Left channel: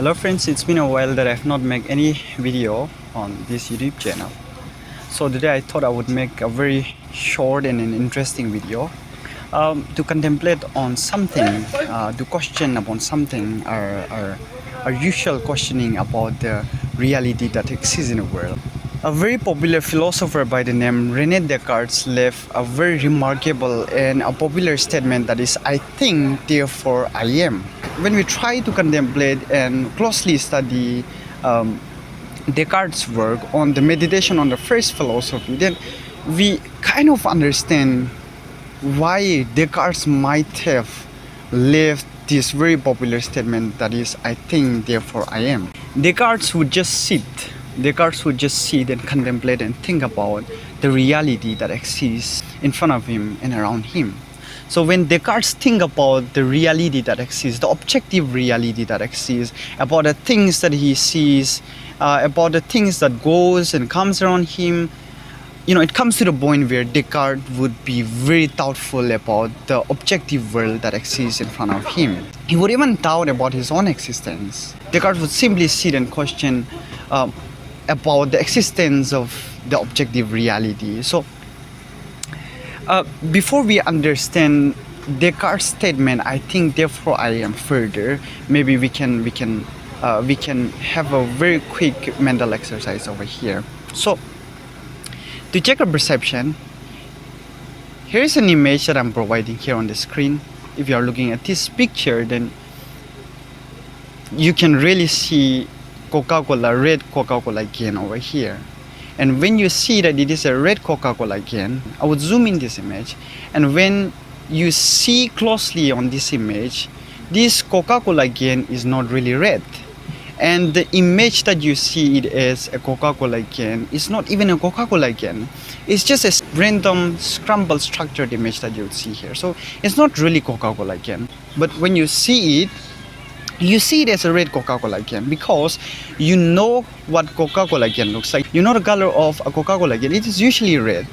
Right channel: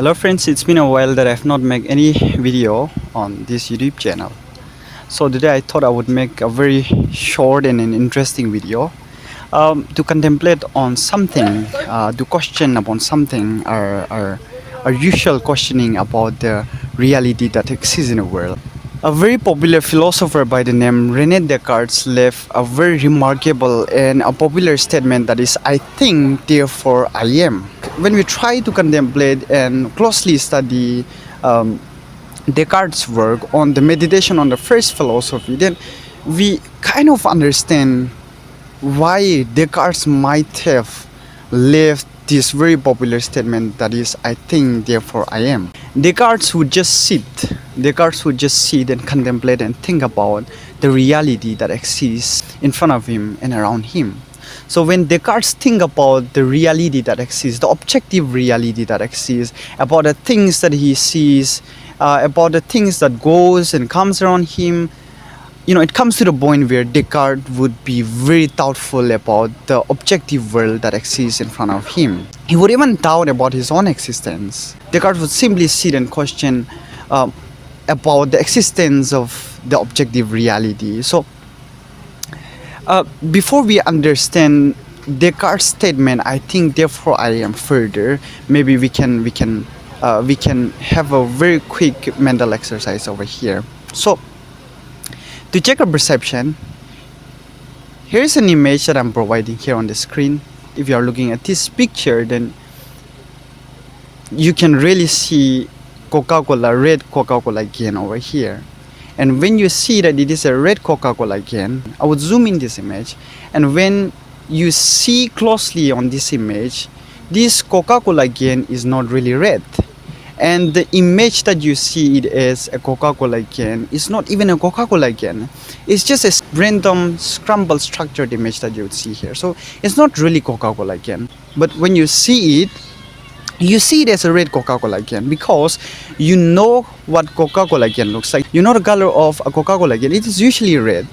Hello friends, it's been a while that I've not made any video on this YouTube channel. So today I thought I would make a very short and an interesting video to contemplate on something, to question upon something, our usual questioning about the reality that exists in the world. A very popular philosopher by the name René Descartes left a very remarkable and a popular statement that is, I think, therefore I am. When we try to contemplate and closely study Descartes' work on the meditation on the first philosophy, then we kind of understand why Descartes might have left this very popular statement that is, I think, therefore I am. Descartes would just sit and contemplate and think about the reality that exists in front of him and around him. So when Descartes think about the reality that exists, the objective reality that exists, about the things that he sees, about the things that goes and comes around him, it comes to the point where Descartes would be very doubtful about the objective world that exists in front of him. He would even doubt about his own existence. Descartes would simply sit and question about the existence of the objective reality. So before we understand Descartes' statement, I think therefore I am further, maybe we can have a very quick mental exercise over here. So to check our perception, here's an image that I'm providing here on the screen. If you are looking at this picture, then you can really see Coca-Cola, red Coca-Cola can over here. And when you see that it is a red Coca-Cola can, I would zoom in this image, and when you see closely on this image, this Coca-Cola can is not really red. And the image that you see it as a Coca-Cola can is not even a Coca-Cola can. It's just a random scrambled structured image that you would see here. So it's not really Coca-Cola can. But when you see it, you see it as a red Coca-Cola can because you know what Coca-Cola can looks like. You know the color of a Coca-Cola can. It is usually red.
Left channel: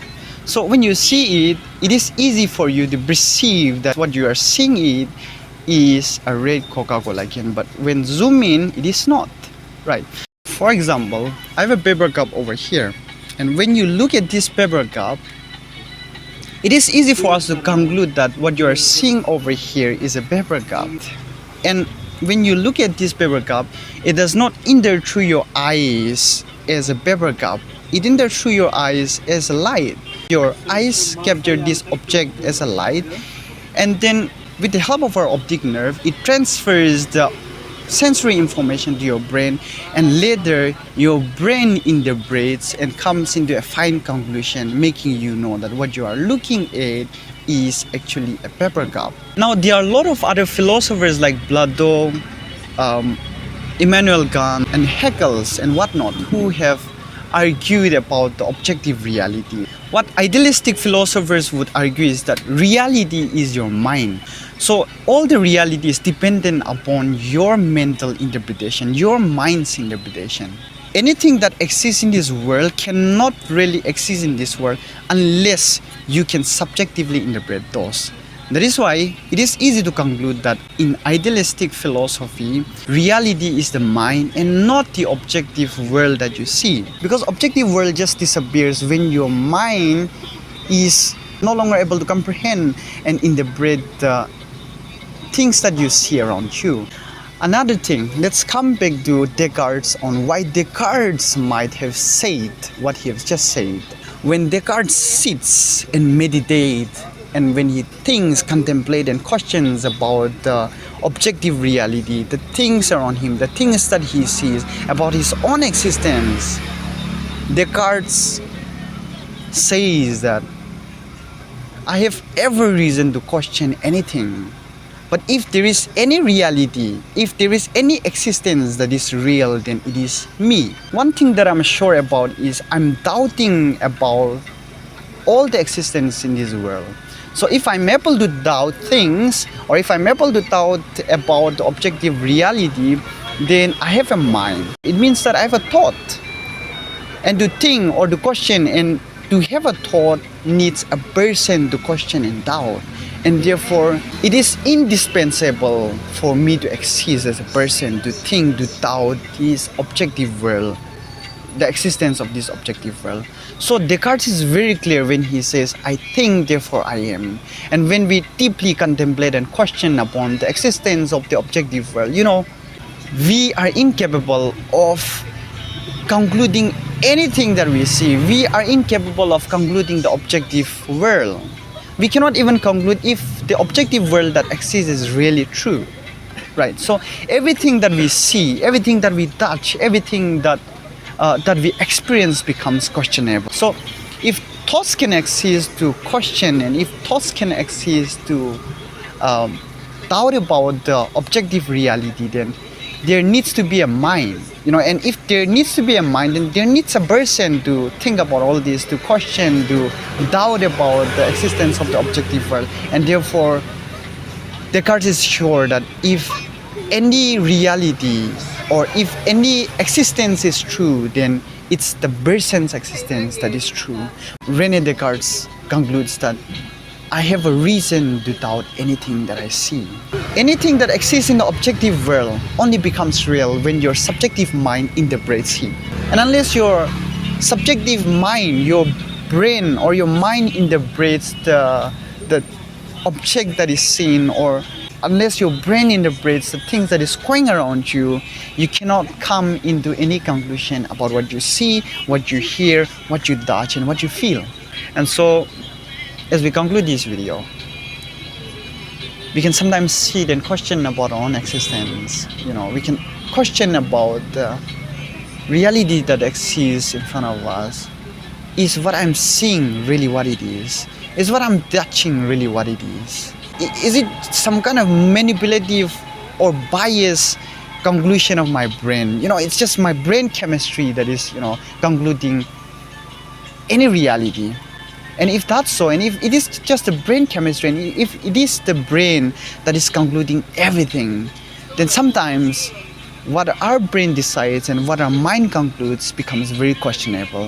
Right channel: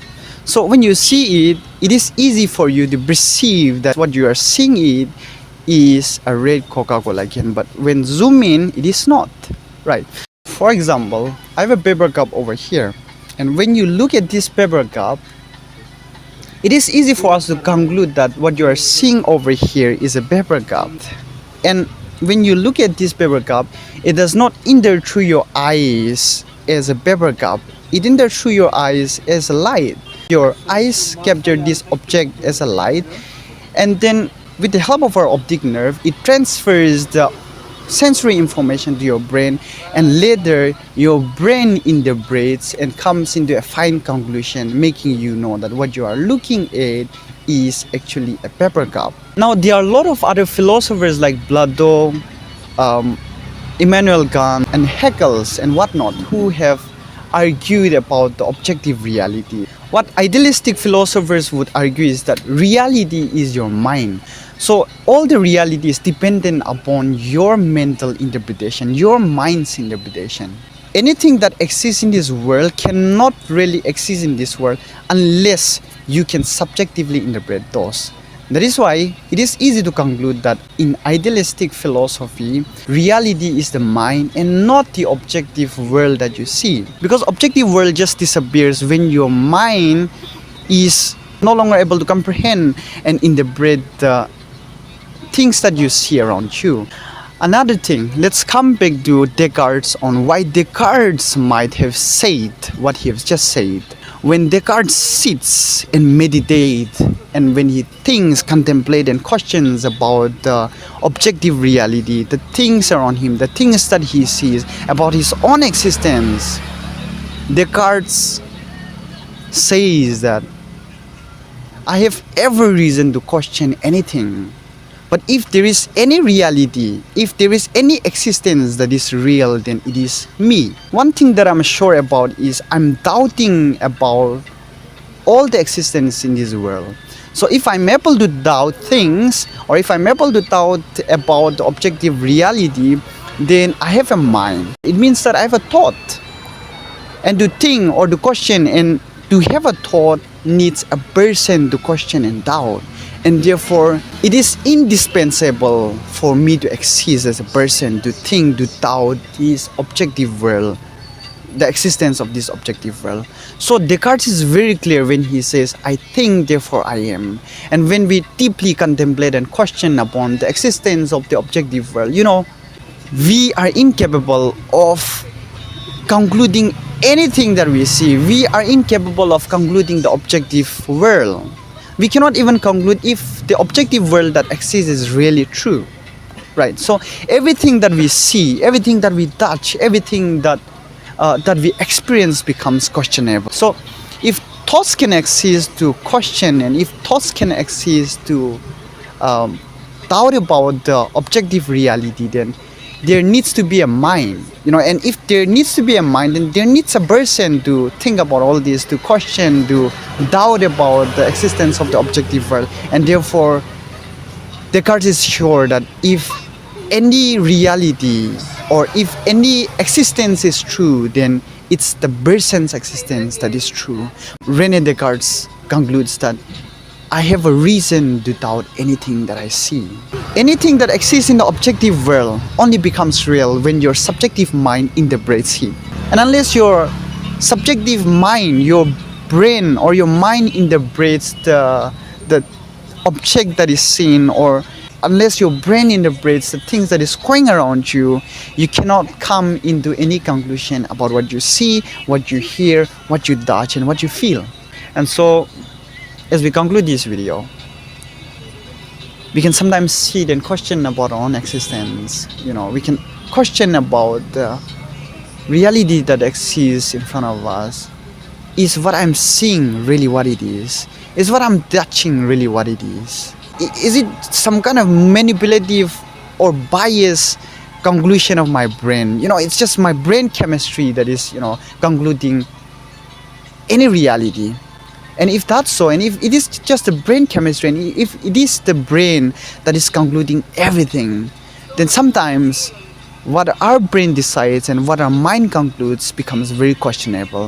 So when you see it, it is easy for you to perceive that what you are seeing it is a red Coca-Cola can, but when zoom in, it is not, right? For example, I have a paper cup over here, and when you look at this paper cup, it is easy for us to conclude that what you are seeing over here is a paper cup. And when you look at this paper cup, it does not enter through your eyes as a paper cup. It enters through your eyes as a light. Your eyes capture this object as a light, and then with the help of our optic nerve, it transfers the sensory information to your brain, and later your brain interprets and comes into a fine conclusion, making you know that what you are looking at is actually a paper cup. Now, there are a lot of other philosophers like Plato, Immanuel Kant, and Haeckel and whatnot who have argued about the objective reality. What idealistic philosophers would argue is that reality is your mind. So all the reality is dependent upon your mental interpretation, your mind's interpretation. Anything that exists in this world cannot really exist in this world unless you can subjectively interpret those. That is why it is easy to conclude that in idealistic philosophy, reality is the mind and not the objective world that you see. Because objective world just disappears when your mind is no longer able to comprehend and interpret the things that you see around you. Another thing, let's come back to Descartes on why Descartes might have said what he has just said. When Descartes sits and meditates, and when he thinks, contemplates, and questions about the objective reality, the things around him, the things that he sees, about his own existence, Descartes says that I have every reason to question anything. But if there is any reality, if there is any existence that is real, then it is me. One thing that I'm sure about is I'm doubting about all the existence in this world. So if I'm able to doubt things, or if I'm able to doubt about the objective reality, then I have a mind. It means that I have a thought. And to think or to question and to have a thought needs a person to question and doubt. And therefore, it is indispensable for me to exist as a person, to think, to doubt this objective world, the existence of this objective world. So Descartes is very clear when he says, I think, therefore I am. And when we deeply contemplate and question upon the existence of the objective world, we are incapable of concluding anything that we see. We are incapable of concluding the objective world. We cannot even conclude if the objective world that exists is really true, right? So everything that we see, everything that we touch, everything that we experience becomes questionable. So if thoughts can exist to question, and if thoughts can exist to doubt about the objective reality, then there needs to be a mind, and if there needs to be a mind, then there needs a person to think about all this, to question, to doubt about the existence of the objective world. And therefore, Descartes is sure that if any reality or if any existence is true, then it's the person's existence that is true. René Descartes concludes that I have a reason to doubt anything that I see. Anything that exists in the objective world only becomes real when your subjective mind interprets it. And unless your subjective mind, your brain or your mind interprets the object that is seen, or unless your brain interprets the things that is going around you, you cannot come into any conclusion about what you see, what you hear, what you touch, and what you feel. And so, as we conclude this video, we can sometimes sit and question about our own existence. We can question about the reality that exists in front of us. Is what I'm seeing really what it is? Is what I'm touching really what it is? Is it some kind of manipulative or biased conclusion of my brain? It's just my brain chemistry that is, concluding any reality. And if that's so, and if it is just the brain chemistry, and if it is the brain that is concluding everything, then sometimes what our brain decides and what our mind concludes becomes very questionable.